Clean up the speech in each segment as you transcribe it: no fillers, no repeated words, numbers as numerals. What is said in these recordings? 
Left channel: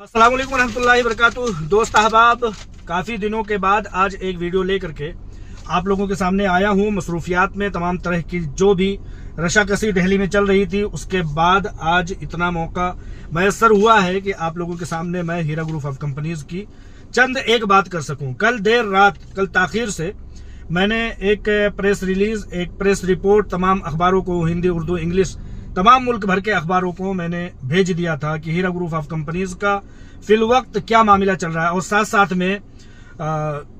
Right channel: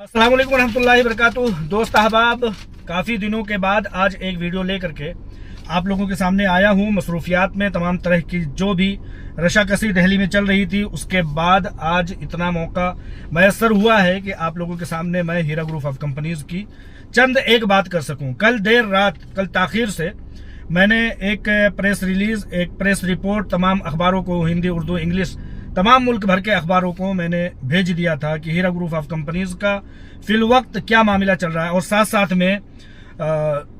अस्सलाम वालेकुम रहमतुल्लाहि वबरकातुह। दोस्त अहबाब, काफ़ी दिनों के बाद आज एक वीडियो लेकर के आप लोगों के सामने आया हूँ। मसरूफियात में तमाम तरह की जो भी रशाकसी दिल्ली में चल रही थी, उसके बाद आज इतना मौका मैसर हुआ है कि आप लोगों के सामने मैं हीरा ग्रुप ऑफ कंपनीज की चंद एक बात कर सकूँ। कल देर रात, कल ताखीर से मैंने एक प्रेस रिलीज, एक प्रेस रिपोर्ट तमाम अखबारों को, हिंदी, उर्दू, इंग्लिश, तमाम मुल्क भर के अखबारों को मैंने भेज दिया था कि हीरा ग्रुप ऑफ कंपनीज का फिल वक्त क्या मामला चल रहा है। और साथ साथ में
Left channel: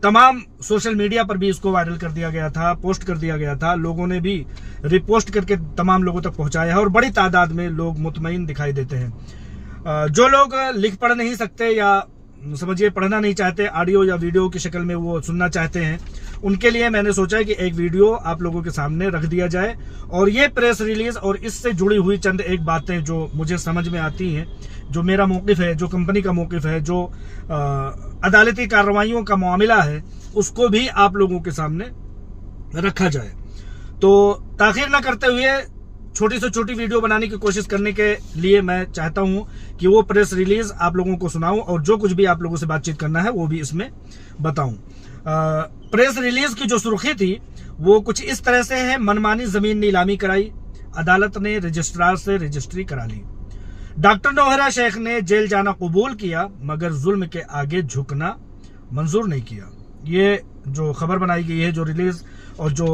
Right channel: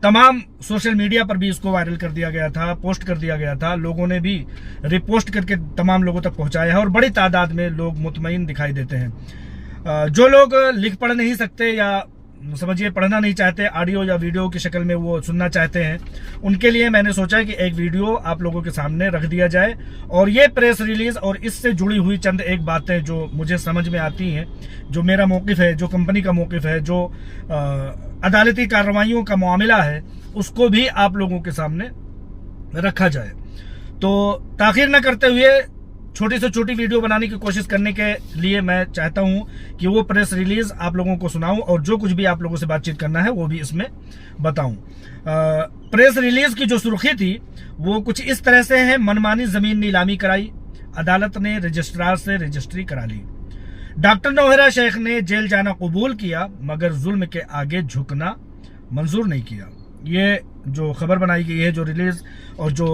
तमाम सोशल मीडिया पर भी इसको वायरल कर दिया गया था, पोस्ट कर दिया गया था। लोगों ने भी रिपोस्ट करके तमाम लोगों तक पहुंचाया है और बड़ी तादाद में लोग मुतमईन दिखाई देते हैं। जो लोग लिख पढ़ नहीं सकते या समझिए पढ़ना नहीं चाहते, ऑडियो या वीडियो की शक्ल में वो सुनना चाहते हैं, उनके लिए मैंने सोचा कि एक वीडियो आप लोगों के सामने रख दिया जाए। और ये प्रेस रिलीज और इससे जुड़ी हुई चंद एक बातें जो मुझे समझ में आती हैं, जो मेरा मौकिफ है, जो कंपनी का मौकिफ है, जो अदालती कार्रवाइयों का मामला है, उसको भी आप लोगों के सामने रखा जाए। तो ताखीर न करते हुए छोटी से छोटी वीडियो बनाने की कोशिश करने के लिए मैं चाहता हूं कि वो प्रेस रिलीज आप लोगों को सुनाऊं और जो कुछ भी आप लोगों से बातचीत करना है वो भी इसमें बताऊं। प्रेस रिलीज की जो सुर्खी थी वो कुछ इस तरह से है: मनमानी जमीन नीलामी कराई, अदालत ने रजिस्ट्रार से रजिस्ट्री करा ली। डॉक्टर नौहरा शेख ने जेल जाना कबूल किया मगर जुल्म के आगे झुकना मंजूर नहीं किया। ये जो खबर बनाई गई है, जो रिलीज और जो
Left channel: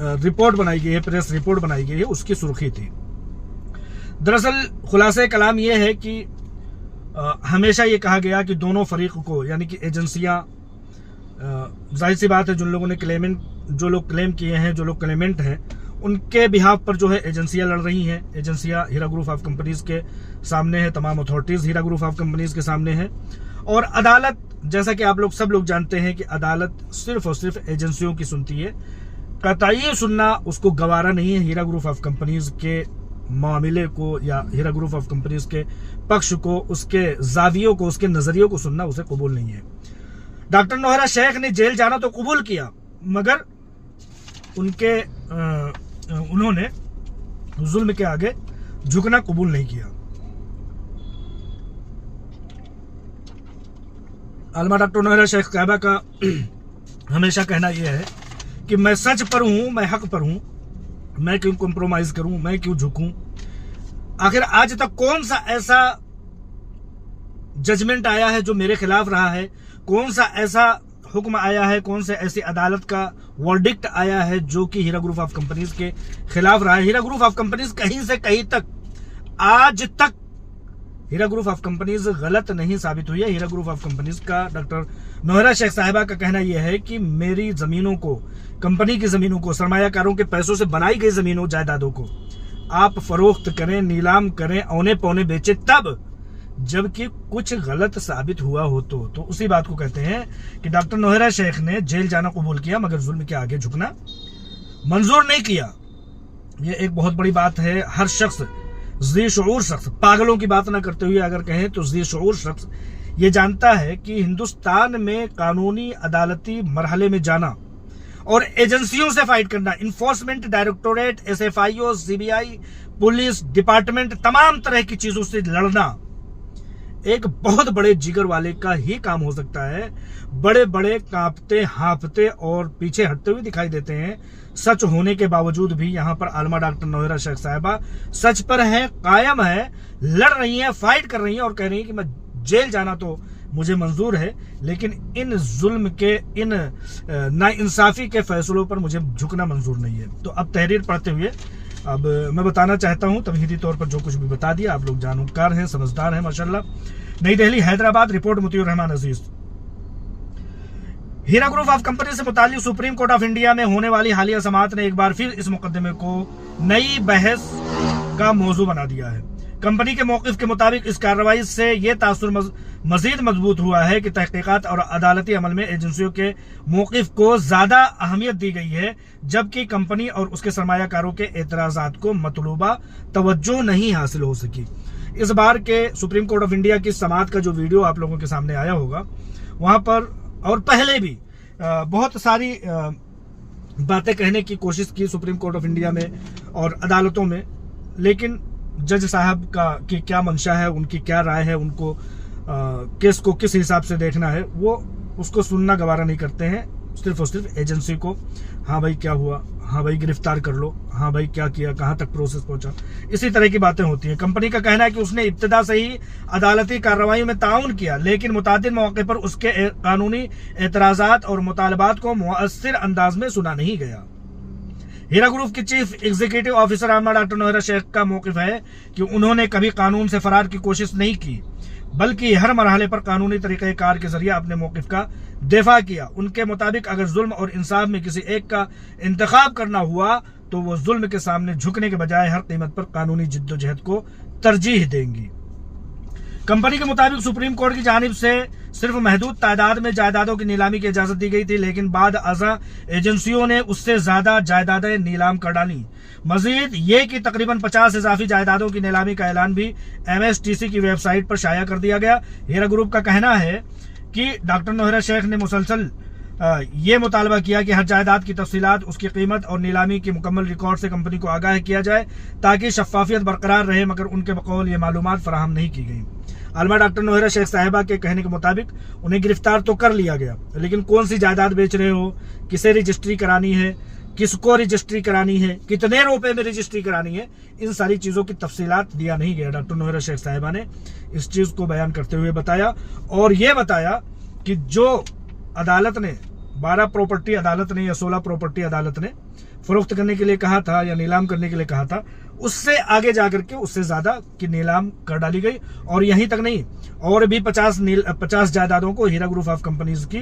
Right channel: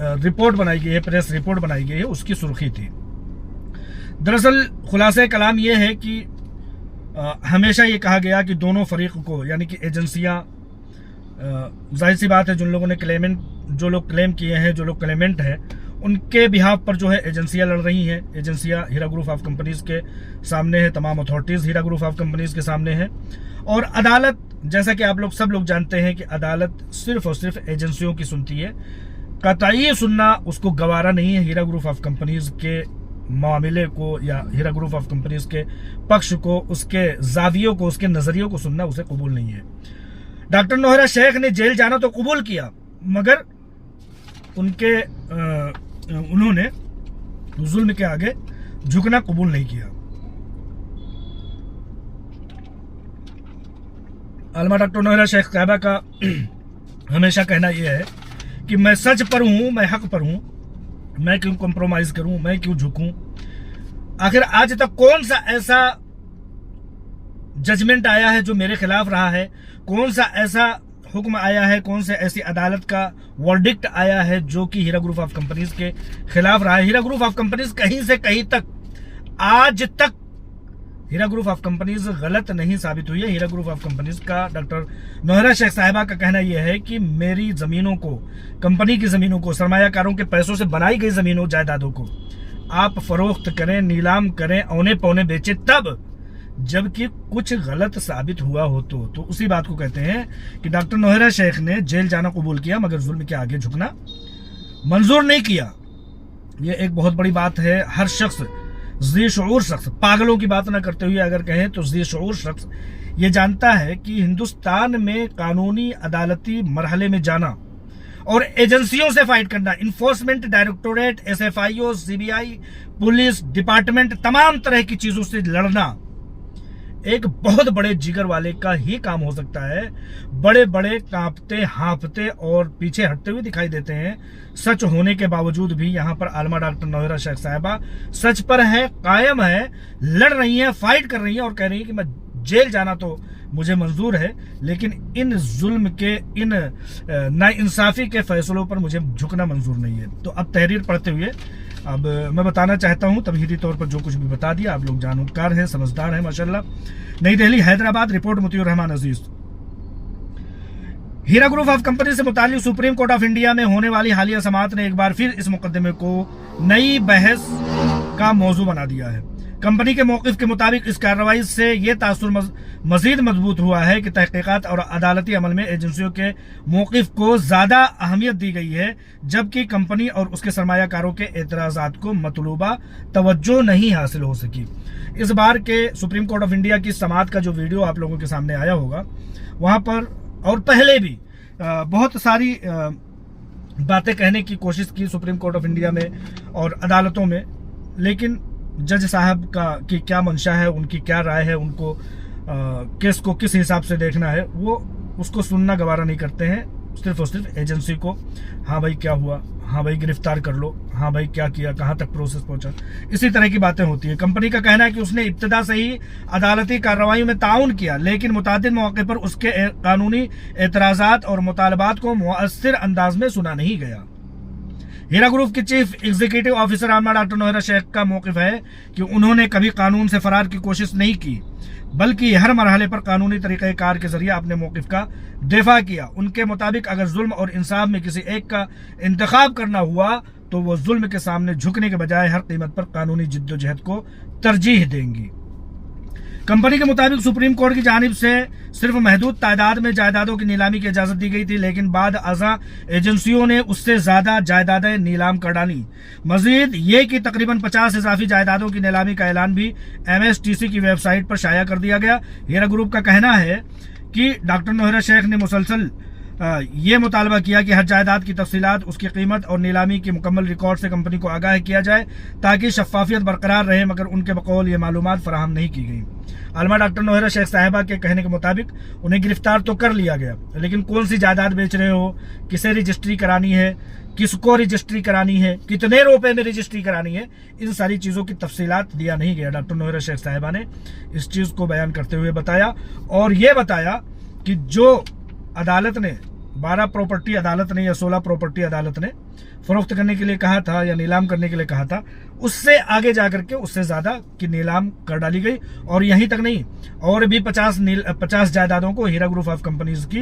रिपोर्ट बनाई गई है, प्रेस रिपोर्ट बनाई गई है, उसकी सुर्खी थी। दरअसल खुलासे कलाम ये है कि हमेशा ये कहा गया कि दोनों फरीक को, यानी कि एजेंसियां, जाहिर सी बात है जो लोग क्लेम किए हैं, जो लोग क्लेमेंट हैं, उनके बिहाफ पर जो है एजेंसियां लड़ रही हैं। एजेंसियां हीरा ग्रुप ऑफ कंपनीज के सामने है, तमाम authorities Heera group of companies के सामने है। और अदालत, जैसा कि आप लोग सब लोग जानते हैं कि अदालत सिर्फ और सिर्फ एजेंसियों की सुनती है, कतई सुनना उसको गवारा नहीं है। हीरा ग्रुप ऑफ कंपनीज के मामले को या हीरा ग्रुप ऑफ कंपनीज के पक्ष को, उसके जावियों को, उसके नजरियों को सुनना उसे कबूल नहीं है। डॉक्टर नौहरा शेख ने जेल जाना तो कबूल किया मगर उन्होंने जुल्म के आगे झुकना कबूल नहीं किया। आलमा डॉक्टर नौहरा शेख साहबा का हमेशा कहना यह है कि मैं सच पर हूं, मैं हक पर हूं, मैं क्यों कॉम्प्रोमाइज करूं, मैं क्यों झुकूं। आखिर आज तक कौन सा ऐसा जजमेंट आया है जो मेरे खिलाफ रहा है? कौन सा ऐसा हुक्म आया है, कौन से ऐसी अदालत का वर्डिक्ट आया है जो कि हीरा ग्रुप ऑफ कंपनीज के खिलाफ रहा है? हीरा ग्रुप ऑफ कंपनीज कहीं से कहीं तक, आज तक हीरा ग्रुप ऑफ कंपनीज गलत नहीं साबित हुई है। हीरा ग्रुप ऑफ कंपनीज का, डॉक्टर नौहरा शेख साहिबा का कहना यह है कि मेरी जमीनों को, कंपनी की जमीनों को, सरमायाकारों के पैसों से बनाई गई जमीनों, जायदादों को आप फरोख्त करें, नीलाम करें, औने पौने बेचे, तब जबकि कुछ गलत साबित हुआ हो तो उसी बात को कहते हैं कि डॉक्टर नौहरा शेख ने जेल जाना कबूल किया मगर जुल्म के आगे झुकना मंजूर नहीं किया। यह एक बहुत बड़ी बात है। हर शख्स, ज़ी शऊर शख्स, पागलों की बात ना करते हुए अगर कहें तो ज़ी शऊर शख्स ये जानता है कि हिंदुस्तान में कानूनी अदालती मरहले में जाना और एजेंसियों से फाइट करना, enforcement directorate, SFIO, CBI, police department, तमाम तरह की चीजों से लड़ना एक बहुत बड़े जिगर वाले का ही काम हो सकता है। बड़े बड़े कांपते, हांफते और पीछे हटते हुए दिखाई देते हैं। सच होने के बावजूद भी यहाँ पर आलमा डॉक्टर नौहरा शेख साहिबा सच पर है, कायम है, लड़ रही है, फाइट कर रही है और कह रही है कि मैं जेल जाना तो मुझे मंजूर है, लेकिन इन जुल्म के, इन नाइंसाफी के फैसलों पर मुझे झुकना मंजूर नहीं है। तो अब तहरीर पढ़ते हुए अब मैं बताना चाहता हूं, तमहीदी तौर पर जो कुछ भी बता दिया, आप लोग जानकार हैं, समझदार हैं माशाल्लाह। Nai Delhi, Hyderabad, report Mutiur Rahman Aziz. Heera group of company से मुताल्लिक सुप्रीम कोर्ट ऑफ इंडिया में होने वाली हालिया समाअत ने एक बार फिर इस मुकदमे को नई बहस का मौजू बना दिया है। कंपनी के मौकिफ के मुताबिक इस कार्रवाई से यह तासुर मजीद मजबूत हुआ है कि तहकीकात और अदालती अमल में एजेंसियों के मौकिफ को ज्यादा अहमियत दी गई है, जबकि कंपनी और उसके सरमायाकारों के एतराजात को मतलूबा तवज्जो नहीं हासिल हो सकी। इस बार के सुप्रीम कोर्ट ऑफ इंडिया की समाअत का जो वीडियो आप लोगों के सामने आया होगा, वहां पर और पहले भी बहुत सारी बातें कहने की कोशिश की सुप्रीम कोर्ट ऑफ इंडिया में और अदालतों में, लेकिन जज साहब की क्या मंशा है, उनकी क्या राय है, उनको केस को किस हिसाब से देखना है वो उसको सुनना गवारा नहीं करते हैं। सिर्फ और सिर्फ एजेंसी को, हाँ भाई क्या हुआ, हाँ भाई गिरफ्तार कर लो, हाँ भाई क्या किया, कहाँ तक प्रोसेस पहुंचा, इसी तरह की बातें होती हैं। कंपनी का कहना है कि उसने इब्तिदा से ही अदालती कार्रवाई में ताउन किया, लेकिन मुतादिद मौके पर उसके कानूनी एतराजात और मुतालबात को मुअस्सिर अंदाज में सुना नहीं गया। हीरा ग्रुप के chief executive officer Aalima doctor Nowhera Shaikh का मौक़िफ़ है कि उन्होंने कभी कानून से फरार की कोशिश नहीं की, बल्कि हर मरहले पर कानूनी तरीक़ेकार के जरिए अपने मौक़िफ़ का दिफा किया। उनके मुताबिक अगर जुल्म और इंसाफ में किसी एक का इंतखाब करना हुआ तो वो जुल्म के सामने झुकने के बजाय हर कीमत पर कानूनी जिद्दोजहद को तरजीह देंगी। कंपनी के मुताबिक सुप्रीम कोर्ट की जानिब से सिर्फ महदूद तादाद में जायदादों की नीलामी की इजाजत दी गई थी, लेकिन बाद अज़ा एजेंसियों ने उससे ज्यादा जायदादें नीलाम कर डाली। मजीद ये कि तकरीबन 50 इजाफी जायदादों की नीलामी का ऐलान भी MSTC की वेबसाइट पर शाया कर दिया गया। हीरा ग्रुप का कहना है कि डॉक्टर नोहरा शेख ने मुसलसल ये मुतालबा किया कि हर जायदाद की तफसीलात, उसकी कीमत और नीलामी के मुकम्मल रिकॉर्ड से कंपनी को आगाह किया जाए ताकि शफाफियत बरकरार रहे, मगर उनके बकौल ये मालूमात फराहम नहीं की गई। आलमा डॉक्टर नोहरा शेख साहिबा के कहने के मुताबिक उन्हें गिरफ्तार तो कर लिया गया, लेकिन कौन सी जायदाद बेच रहे हो, किसे रजिस्ट्री करानी है, किसको रजिस्ट्री करानी है, कितने रुपए में रजिस्ट्री करानी है, इन सारी चीज़ों की तफसीलात दिया नहीं गया। डॉक्टर नोहरा शेख साहिबा ने इस चीज़ को बयान करते हुए बताया और ये बताया कि जो अदालत ने 12 प्रॉपर्टी अदालत ने या 16 प्रॉपर्टी अदालत ने फरोख्त करने के लिए कहा था या नीलाम करने के लिए कहा था, उससे आगे जाकर के उससे ज्यादा की नीलाम कर डाली गई। और यहीं तक नहीं, और भी 50 जायदादों को, हीरा ग्रुप ऑफ कंपनीज की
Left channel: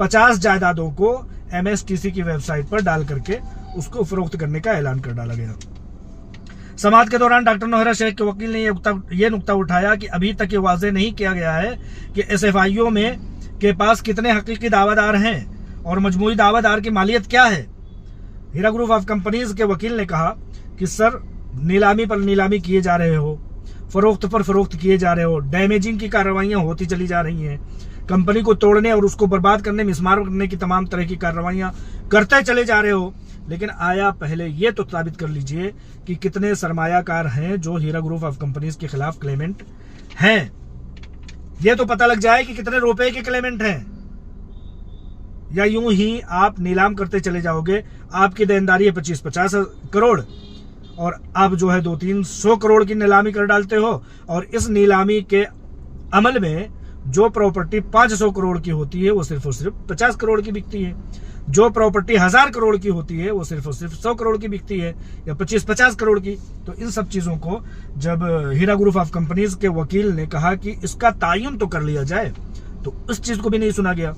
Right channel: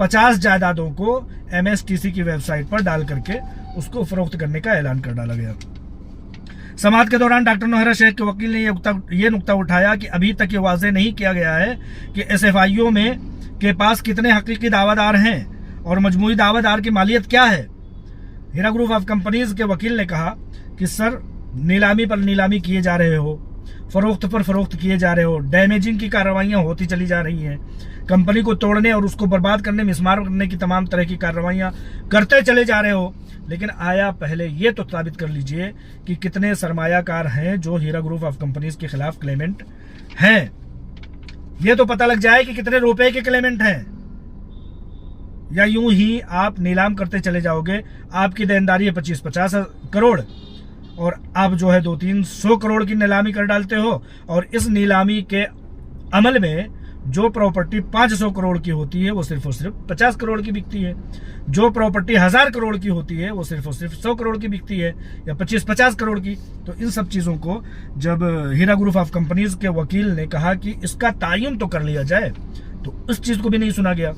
50 जायदादों को MSTC की वेबसाइट पर डाल करके उसको फरोख्त करने का ऐलान कर डाला गया। समाअत के दौरान डॉक्टर नोहरा शेख के वकील ने यह नुक्ता उठाया कि अभी तक ये वाज़ेह नहीं किया गया है कि SFIO में के पास कितने हकीकी दावादार हैं और मजमूई दावादार की मालियत क्या है। हीरा ग्रुप ऑफ कंपनीज के वकील ने कहा कि सर, नीलामी पर नीलामी किए जा रहे हो, फरोख्त पर फरोख्त किए जा रहे हो, डैमेजिंग की कार्रवाइयां होती चली जा रही हैं, कंपनी को तोड़ने और उसको बर्बाद करने, मिसमार करने की तमाम तरह की कार्रवाइयां करते चले जा रहे हो, लेकिन आया पहले ये तो साबित कर लीजिए कि कितने सरमायाकार हैं जो हीरा ग्रुप ऑफ कंपनीज के खिलाफ क्लेमेंट हैं। ये तो पता लग जाए कि कितने रुपए के क्लेमेंट हैं, या यूं ही आप नीलाम करते चले जाओगे। आपकी देनदारी है 25-50 करोड़ और आप जो है 200-300 करोड़ की नीलामी कर डालते हो, और इस नीलामी के अमल में जो प्रॉपर्टी 500 करोड़ की होती है वो सिर्फ और सिर्फ 50 करोड़ की बिकती है, जो प्रॉपर्टी 1000 करोड़ की होती है वो सिर्फ और सिर्फ 100 करोड़ की बिकती है, या 25-50 करोड़ की। तो इन सब चीजों को जब हीरा ग्रुप ऑफ कंपनीज के वकील ने कहा कि इसका तायन तो कर लिया जाए, तो उस चीज को भी नहीं सुना गया।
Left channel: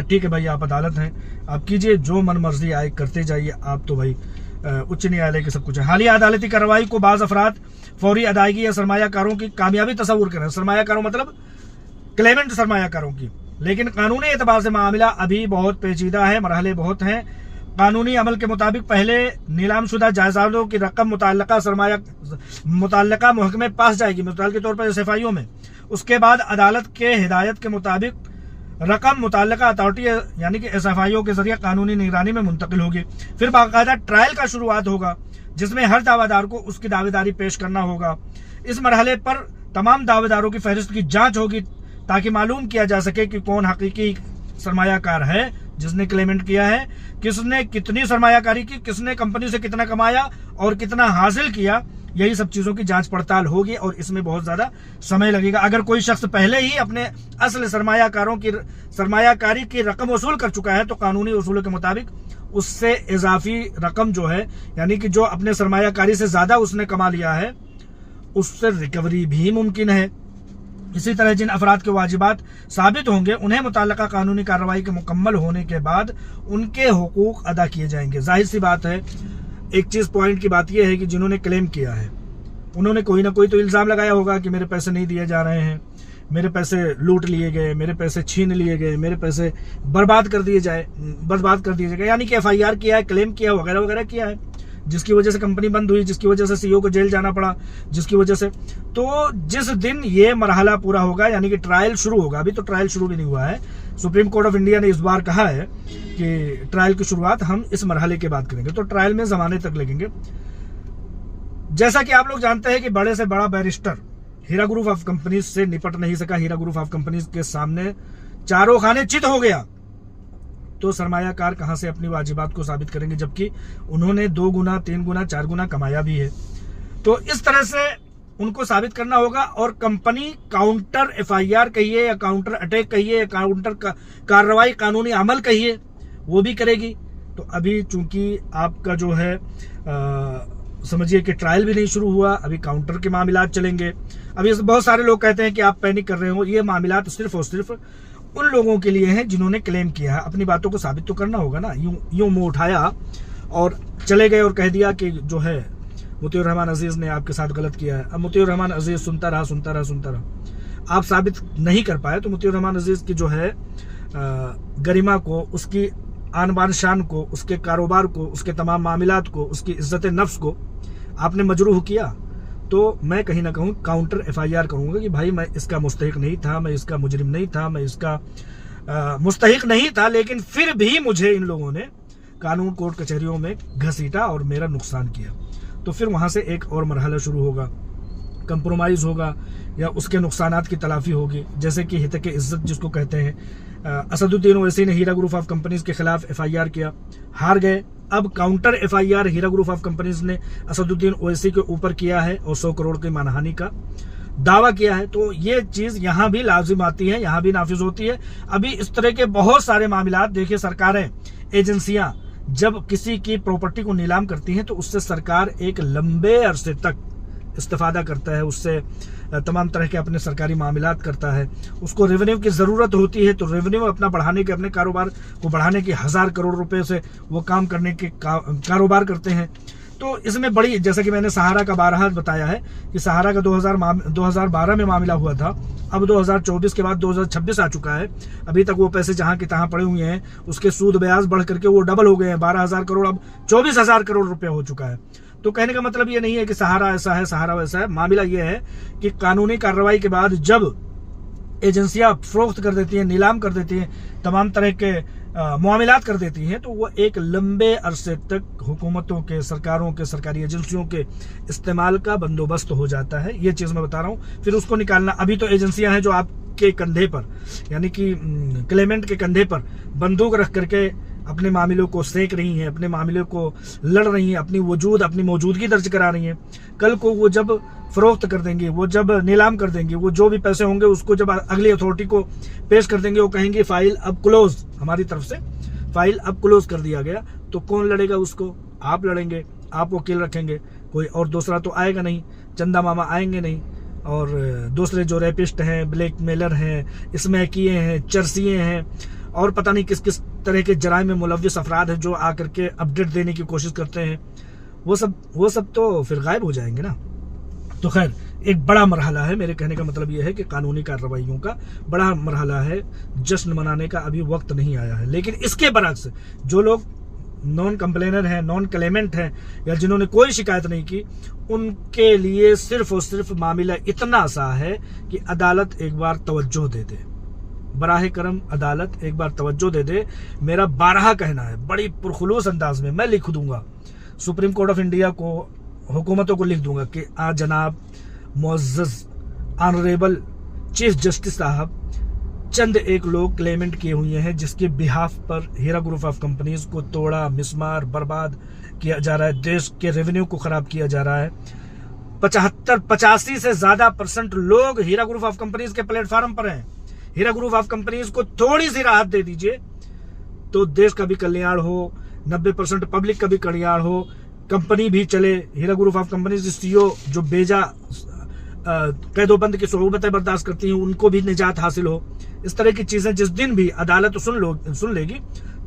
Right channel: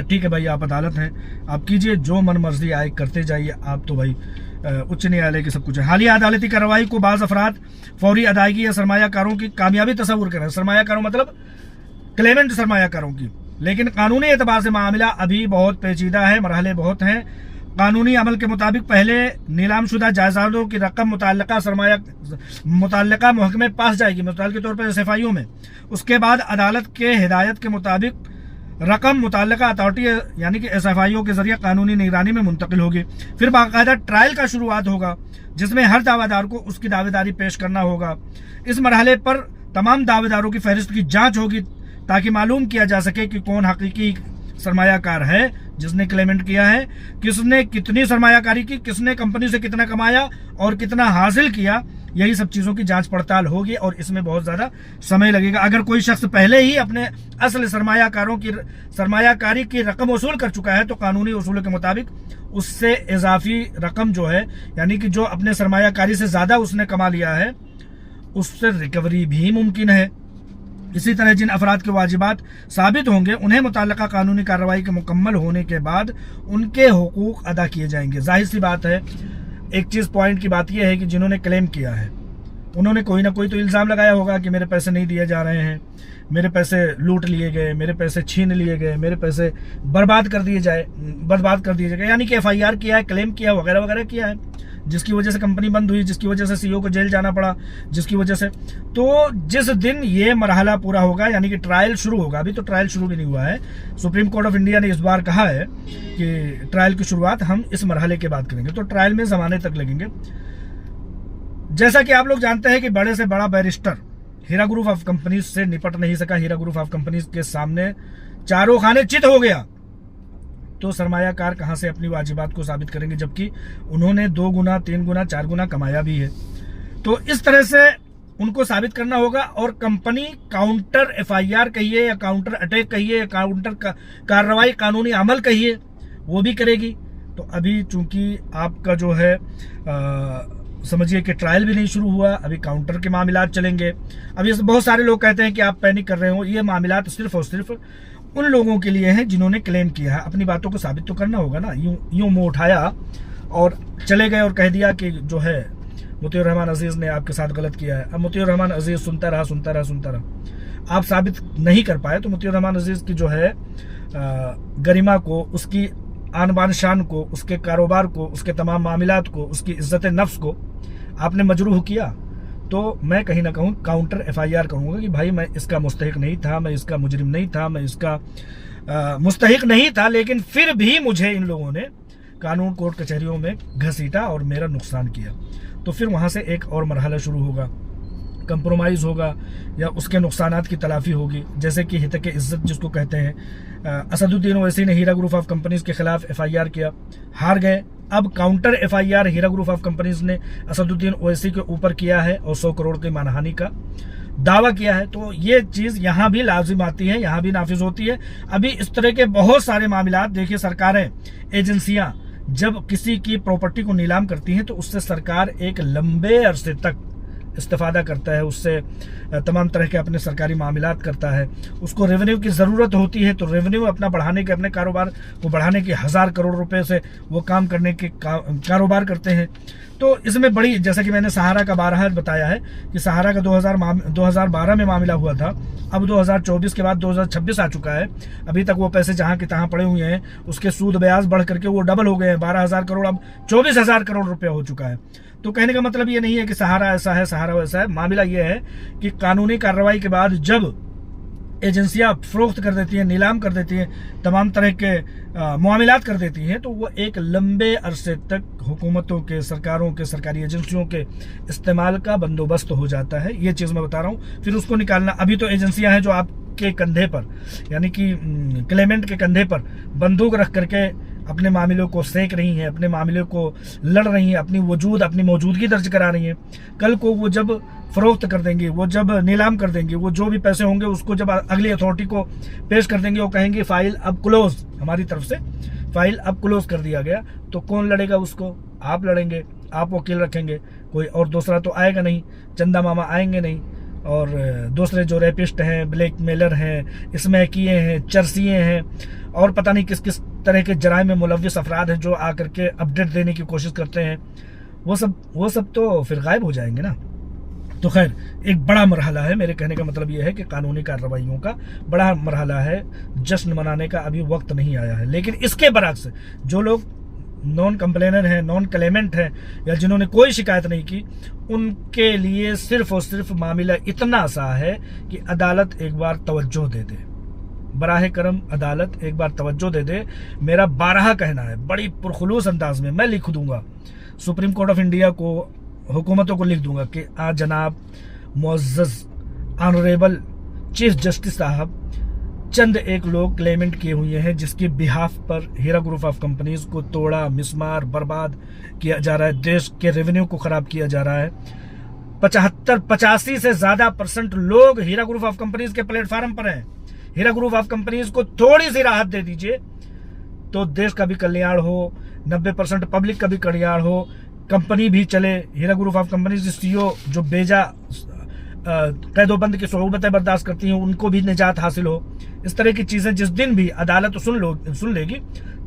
ठीक है भाई, आप अदालत हैं, आप कीजिए जो मन मर्जी आए करते जाइए, आप तो भाई उच्च न्यायालय के सब कुछ है। हालिया अदालती कार्रवाई को बाज़ अफराद फौरी अदायगी या सरमायाकारों की कामयाबी तस्वुर करें। सरमायाकारों मतलब क्लेमेंट सरमायाकारों की, लेकिन कानूनी एतबार से मामला अभी बहुत पेचीदा है, मरहले बहुत हैं। कानूनी अमल के मुताबिक पहले नीलामशुदा जायदादों की रकम मुतल्लिका महकमे पास जाएगी, मिसाल के तौर पर SFIO में। उसके बाद अदालत के हिदायत के मुताबिक रकम मुतल्लिका अथॉरिटी यानी कि SFIO के जरिए कानूनी निगरानी में मुंतकिल होगी। फिर बाकायदा ट्रायल का शुरुआत होगा, जिसमें हर दावेदार को उसकी दावेदारी पेश करना होगा। इस मरहले पर तमाम दावेदारों की फहरिस्त की जांच होगी ताकि मालूम किया जा सके कि कौन हकीकी सरमायाकार है जिसने क्लेमेंट किया है, किसने कितनी सरमायाकारी की, किसने कंपनी से कितना कमाया और कितना हासिल किया। यही सब चीजों की जांच पड़ताल होगी और इसमें बहुत ज्यादा समय लगेगा। अगर कोई शख्स पहले ही अपने असल सरमायाकारी की रकम वसूल कर चुका है तो कानूनी उसूलों के मुताबिक उससे इजाफी रकम जो है, यानी कि जो अपने सरमायाकारी से ज्यादा उसने कमा लिया है, उससे रिकवरी भी मुमकिन है। इसी तरह जिन अफराद के वाजिबात साबित होंगे उन्हें मुतल्लिका कानूनी कार्रवाई के मुकम्मल होने के बाद उनके हुकूक अदा किए जाएंगे। जाहिर सी बात है, एक चीज पॉइंट की बात यह है कि जिन्होंने क्लेम किया है उन्होंने कोई ना कोई तो इल्जाम लगाया होगा कि मेरे पैसे नहीं दिए जा रहे हैं, मेरे पैसे लूट लिए गए, मेरे पैसे छीन लिए गए, मेरे पैसे बर्बाद कर दिए गए, यानी कि FIR किया है, क्लेम किया, वगैरह वगैरह किया है, जिसकी वजह से कंपनी बंद हुई, जिसकी वजह से CEO को जेल जाना पड़ा, जिसकी वजह से। तो जिस दिन ये मरहला पूरा होगा, यानी कि ट्रायल शुरू होगा, अभी तो ट्रायल शुरू भी नहीं हुआ है, सुप्रीम कोर्ट ऑफ इंडिया ने इस बार कहा है कि ट्रायल की शुरुआत हम इस मरहले के बाद करेंगे, तो ट्रायल में जमाने तक लगेंगे। जैसा कि आप लोग जानते हैं कि बड़े से बड़ा barrister Heera group of companies से निपट नहीं सका, हीरा ग्रुप ऑफ कंपनीज के सामने चारों खाने चित हो गया, तो सरमायाकार कहां से अपनी वाजिबात को साबित करेंगे, जबकि उन्होंने 2 गुना 3 गुना 4 गुना कमाया भी है। तो इस तरह से उनको साबित करना होगा। और कंपनी काउंटर FIR कहिए या काउंटर अटैक कहिए या काउंटर कार्रवाई कानूनी अमल कहिए, वो भी करेगी। तो अभी चूंकि आपका जो है समझिए कि ट्रायल भी नहीं शुरू हुआ, अभी काउंटर के मामलात चलेंगे। अभी बहुत सारे लोग कहते हैं कि आप पैनिक कर रहे हो, ये मामलात सिर्फ और सिर्फ उन लोगों के लिए हैं जिन्होंने क्लेम किया है। अपनी बातों को साबित तो करना होगा ना। यूं मुंह उठाया और चले गए और कह दिया कि जो है मुतीउर रहमान अजीज ने आपके साथ गलत किया है। अब मुतीउर रहमान अजीज सुनता रहा, आप साबित नहीं कर पाए, तो मुतीउर रहमान अजीज की जो है गरिमा को, उसकी आन बान शान को, उसके कारोबार को, उसके तमाम मामलात को, उसकी इज्जत नफ्स को आपने मजरूह किया, तो मैं कहीं ना कहूँ काउंटर FIR कहूँगा कि भाई मैं इसका मुस्तहिक नहीं था, मैं इसका मुजरिम नहीं था, मैं इसका मुस्तहिक नहीं था, लेकिन फिर भी मुझे इन लोगों ने कानून कोर्ट कचहरियों में घसीटा और मेरा नुकसान किया। तो फिर वहाँ से एक और मरहला शुरू होगा, कंप्रोमाइज़ होगा या उसके नुकसानात की तलाफी होगी। जैसे कि हितक इज्जत जिसको कहते हैं, असदुद्दीन ओवैसी ने हीरा ग्रुप ऑफ कंपनीज के खिलाफ FIR किया, हार गए। अब counter FIR Heera group of companies ने असदुद्दीन ओवैसी के ऊपर किया है और 100 करोड़ की मानहानि का दावा किया है। तो ये चीज यहाँ भी लाजिम आती है, यहाँ भी नाफिज होती है। अभी इस तरह के बहुत सारे मामलात, देखिए सरकारें, एजेंसियां जब किसी की प्रॉपर्टी को नीलाम करती हैं तो उससे सरकार एक लंबे अरसे तक इस्तेफादा करता है, उससे तमाम तरह के अपने सरकारी मामलात करता है। उसको रेवेन्यू की ज़रूरत होती है, तो रेवेन्यू अपना बढ़ाने के, अपने कारोबार को बढ़ाने के 1000 करोड़ रुपए से वो काम करने के कारोबार करते हैं। तो इसमें बड़ी, जैसा कि मैंने सहारा का 12 बताया है कि सहारा का 2012 में मामला हुआ था, अब 2024 के बाद 2026 आ चुका है, अभी तक वो पैसे जहां के तहां पड़े हुए हैं, उसके सूद ब्याज बढ़ करके वो डबल हो गए हैं, 12,000 करोड़ अब 24,000 करोड़ रुपया हो चुका है। तो कहने का मतलब ये नहीं है कि सहारा ऐसा है, सहारा वैसा है। मामला ये है कि कानूनी कार्रवाई के बाद जब एजेंसियां फरोख्त कर देती हैं, नीलाम कर देती हैं, तमाम तरह के मामलात कर देती हैं, तो वो एक लंबे अरसे तक हुकूमतों के, सरकारों के, सरकारी एजेंसियों के इस्तेमाल का बंदोबस्त हो जाता है। ये चीज़ मैं बता रहा हूँ। फिर उसको निकालना, अभी तो एजेंसियां हैं जो आपके कंधे पर, यानी कि क्लेमेंट के कंधे पर बंदूक रख करके अपने मामलों को सेक रही हैं, अपने मामलों को लड़ रही हैं, अपनी मौजूदगी दर्ज करा रही हैं। कल को वो जब फरोख्त कर देंगी, वो जब नीलाम कर देंगी, वो जो भी पैसे होंगे उसको जब अगली अथॉरिटी को पेश कर देंगे, वो कहेंगे फाइल अब क्लोज, हमारी तरफ से फाइल अब क्लोज कर दिया गया। तो कौन लड़ेगा उसको? आप लड़ेंगे, आप वकील रखेंगे, कोई और दूसरा तो आएगा नहीं, चंदा मामा आएंगे नहीं, और दूसरे जो रेपिस्ट हैं, ब्लैकमेलर हैं, स्मैकिए हैं, चरसिए हैं और पता नहीं किस किस तरह के जराइम में मुलव्विस अफराद हैं जो आकर के अपडेट देने की कोशिश करते हैं, वो सब तो फिर गायब हो जाएंगे ना। तो खैर, एक बड़ा मरहला है। मेरे कहने का मतलब यह है कि कानूनी कार्रवाइयों का बड़ा मरहला है, जश्न मनाने का अभी वक्त नहीं आया है। लेकिन इसके बरक्स जो लोग नॉन कंप्लेनर हैं, नॉन क्लेमेंट हैं, या जिन्होंने कोई शिकायत नहीं की, उनके लिए सिर्फ और सिर्फ मामला इतना सा है कि अदालत एक बार तवज्जो दे दे, बराह करम अदालत एक बार तवज्जो दे दे। मेरा 12 कहना है, बड़ी पुरखुलूस अंदाज में मैं लिख दूंगा, सुप्रीम कोर्ट ऑफ इंडिया को, हुकूमतों को लिख दूंगा कि आज जनाब मुअज़्ज़ज़ ऑनरेबल चीफ जस्टिस साहब, चंद एक लोग क्लेमेंट किए हुए हैं जिसके बिहाफ पर हीरा ग्रुप ऑफ कंपनीज को तोड़ा, मिसमार, बर्बाद किया जा रहा है, देश के रेवेन्यू को खराब किया जा रहा है। 85 से ज्यादा % लोग हीरा ग्रुप ऑफ कंपनीज के प्लेटफार्म पर हैं। हीरा ग्रुप ऑफ कंपनीज को थोड़ी सी राहत दे दीजिए तो देश का भी कल्याण हो, 90% पब्लिक का भी कल्याण हो, कंपनी भी चले। हीरा ग्रुप ऑफ कंपनीज CEO जो बेजा कैदोबंद की सोहबतें बर्दाश्त करती हैं, उनको भी निजात हासिल हो। इस तरह की चीजें जिस दिन भी अदालत सुन लेगी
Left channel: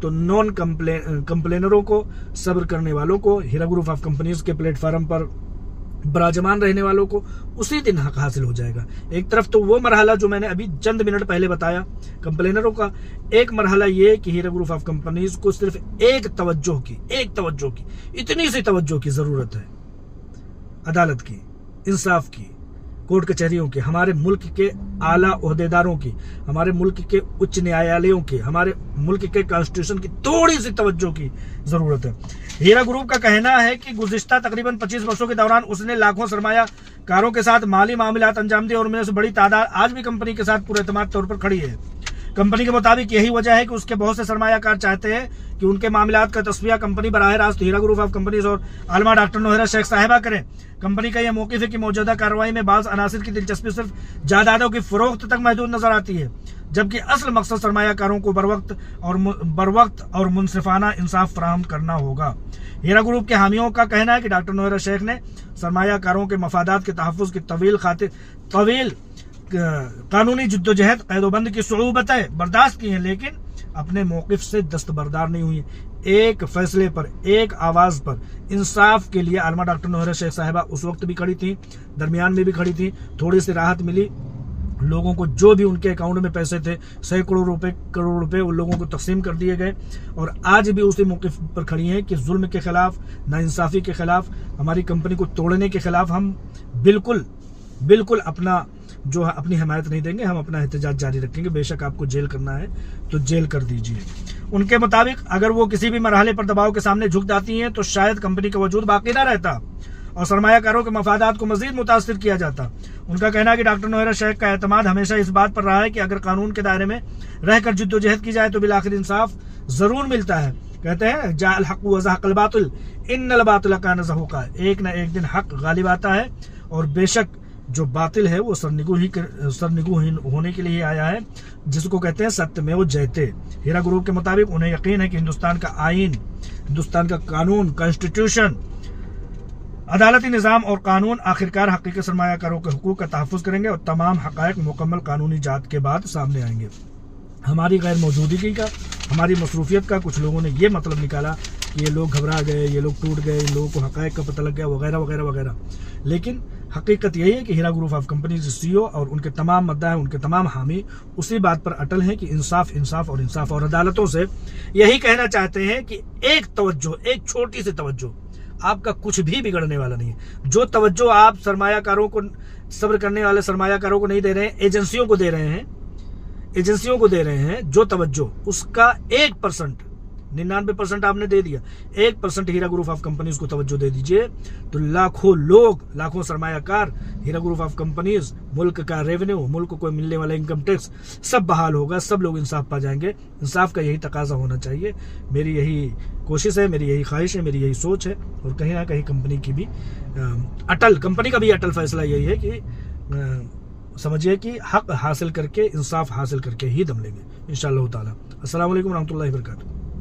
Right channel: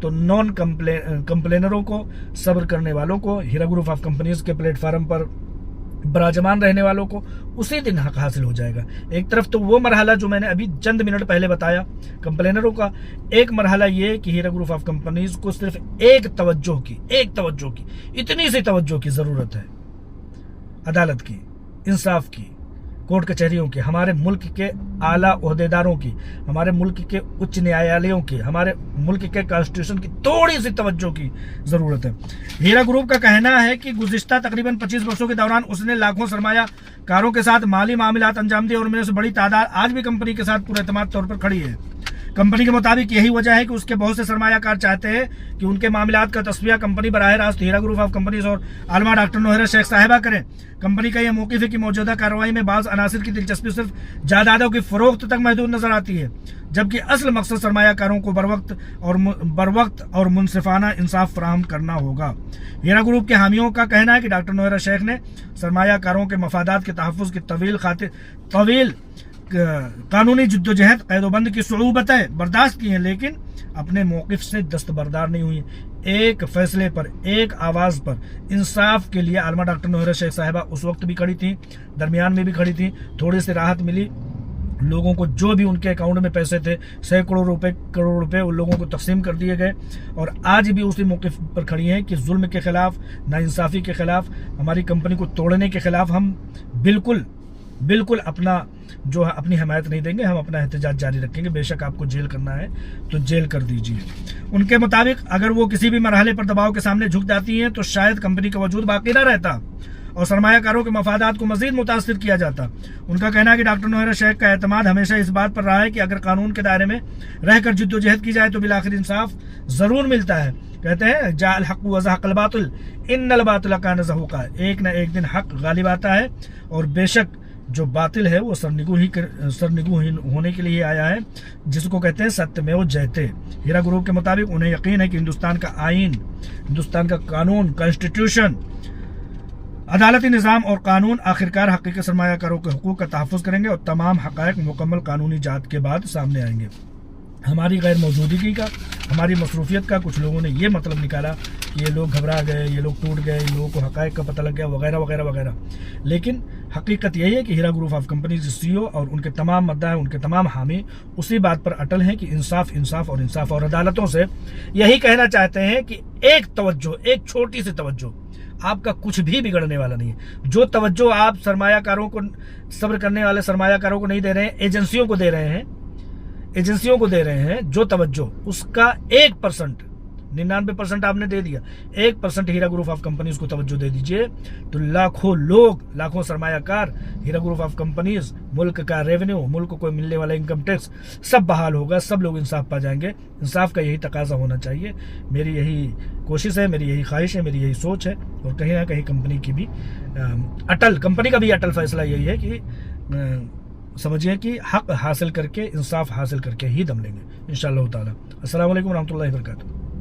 तो नॉन कंप्लेनरों को, सब्र करने वालों को, हीरा ग्रुप ऑफ कंपनीज के प्लेटफार्म पर बराजमान रहने वालों को उसी दिन हक हासिल हो जाएगा। एक तरफ तो वो मरहला जो मैंने अभी चंद मिनट पहले बताया कंप्लेनरों का, एक मरहला ये कि हीरा ग्रुप ऑफ कंपनीज को सिर्फ एक तवज्जो की, इतनी सी तवज्जो की जरूरत है, अदालत की, इंसाफ की, कोर्ट कचहरियों की, हमारे मुल्क के आला ओहदेदारों की, हमारे मुल्क के उच्च न्यायालयों की, हमारे मुल्क के कॉन्स्टिट्यूशन की थोड़ी सी तवज्जो की ज़रूरत है। हीरा ग्रुप का कहना है कि गुज़िश्ता तकरीबन 25 वर्षों के दौरान उसने लाखों सरमायाकारों के साथ माली मामलात अंजाम दिए और उनमें से बड़ी तादाद आज भी कंपनी के साथ पूरे एतमाद तौर पर खड़ी है। कंपनी के मुताबिक यही वजह है कि उसके बहुत से सरमायाकार चाहते हैं कि उनके मामलात का तस्वीर कंपनी बराह रास्त हीरा ग्रुप ऑफ कंपनीज और आलमा डॉक्टर नोहरा शेख साहिबा करें। कंपनी का यह मौक़िफ़ है कि मौजूदा कार्रवाई में बाज़ अनासिर की दिलचस्पी सिर्फ जायदादों की फरोख्त तक महदूद नजर आती है, जबकि असल मकसद सरमायाकारों को बरवक्त और मुनसिफाना इंसाफ फराहम करना होगा। हीरा ग्रुप के हामियों का कहना है कि डॉक्टर नोहरा शेख ने सरमायाकारों के मफादात के तहफ़्फ़ुज़ की तवील कानूनी जिद्दोजहद कैदोबंद की सुऊबतें बर्दाश्त की हैं, लेकिन अपने मौक़िफ़ से दस्तबरदार नहीं हुई। एक फैसले पर, एक आवाज़ पर इंसाफ के लिए आलमा डॉक्टर नोहरा शेख साहिबा उस वक्त भी खड़ी थी, दरमियान में भी खड़ी थी। थोड़ी सी राहत मिली लोगों को, जो भी उनके अकाउंट में पैसे थे सैकड़ों करोड़ रुपए उन लोगों को तकसीम कर दिए गए, और आज भी उसी मौक़िफ़ पर खड़ी हैं कि जुल्म के खिलाफ, नाइंसाफ़ी के खिलाफ, हमारी कंपनी को तोड़ने के खिलाफ हम बिल्कुल अपनी हिमायत नहीं देंगे। हम अपना एहतजाज जारी रखेंगे। बेशक आपको जेल करना है तो जेल कर दीजिए। उनके मुताबिक अगर वो किसी भी मरहले पर दबाव के सामने झुक जाती हैं तो शायद कंपनी का वजूद बाकी ना रहता और सरमायाकारों के मफादात को मजीद मुतासिर किया जाता। उनका कहना है कि डॉक्टर नोहरा शेख का एतमाद हमेशा इस बात पर रहा है कि अगर कानून के दायरे में रहकर जिद्दोजहद की जाए तो बिलाखिर इंसाफ जरूर मिलता है। कहते हैं जाअल हक़ व ज़हक़ल बातिल इन्नल बातिल कान ज़हूक़ा, एक न एक दिन हक गालिब आता है और बेशक जो बातिल है वो सरनिगूहीन होने के लिए आया है, जिसको कहते हैं सत्यमेव जयते। हीरा ग्रुप के मुताबिक उन्हें यकीन है कि हिंदुस्तान का आईन, हिंदुस्तान का कानून, कॉन्स्टिट्यूशन, अदालती निज़ाम और कानून आखिरकार हकीकी सरमायाकारों के हुकूक का तहफ़्फ़ुज़ करेंगे और तमाम हक़ाइक़ मुकम्मल कानूनी जांच के बाद सामने आएंगे। हमारी गैर मौजूदगी का, हमारी मसरूफियत का कुछ लोगों ने ये मतलब निकाला कि ये लोग घबरा गए, ये लोग टूट गए, इन लोगों को हक़ाइक़ का पता लग गया, वगैरह वगैरह वगैरह। लेकिन हकीकत यही है कि हीरा ग्रुप ऑफ कंपनीज CEO और उनके तमाम मद्दाए, उनके तमाम हामी उसी बात पर अटल हैं कि इंसाफ और अदालतों से यही कहना चाहते हैं कि एक तवज्जो, एक छोटी सी तवज्जो, आपका कुछ भी बिगड़ने वाला नहीं है। जो तवज्जो आप सरमायाकारों को, सब्र करने वाले सरमायाकारों को नहीं दे रहे हैं, एजेंसियों को दे रहे हैं जो तवज्जो, उसका 1%, 99% आपने दे दिया, 1% हीरा ग्रुप ऑफ कंपनीज को तवज्जो दे दीजिए तो लाखों लोग, लाखों सरमायाकार, हीरा ग्रुप ऑफ कंपनीज, मुल्क का रेवेन्यू, मुल्क को मिलने वाला इनकम टैक्स सब बहाल होगा, सब लोग इंसाफ पा जाएंगे। इंसाफ का यही तकाजा होना चाहिए। मेरी यही कोशिश है, मेरी यही ख्वाहिश है, मेरी यही सोच है। और कहीं ना कहीं कंपनी का भी अटल फैसला यही है कि समझिए कि हक हासिल करके, इंसाफ हासिल करके ही दम लेंगे इंशाअल्लाह ताला। अस्सलाम वालेकुम रहमतुल्लाहि व बरकातुहू।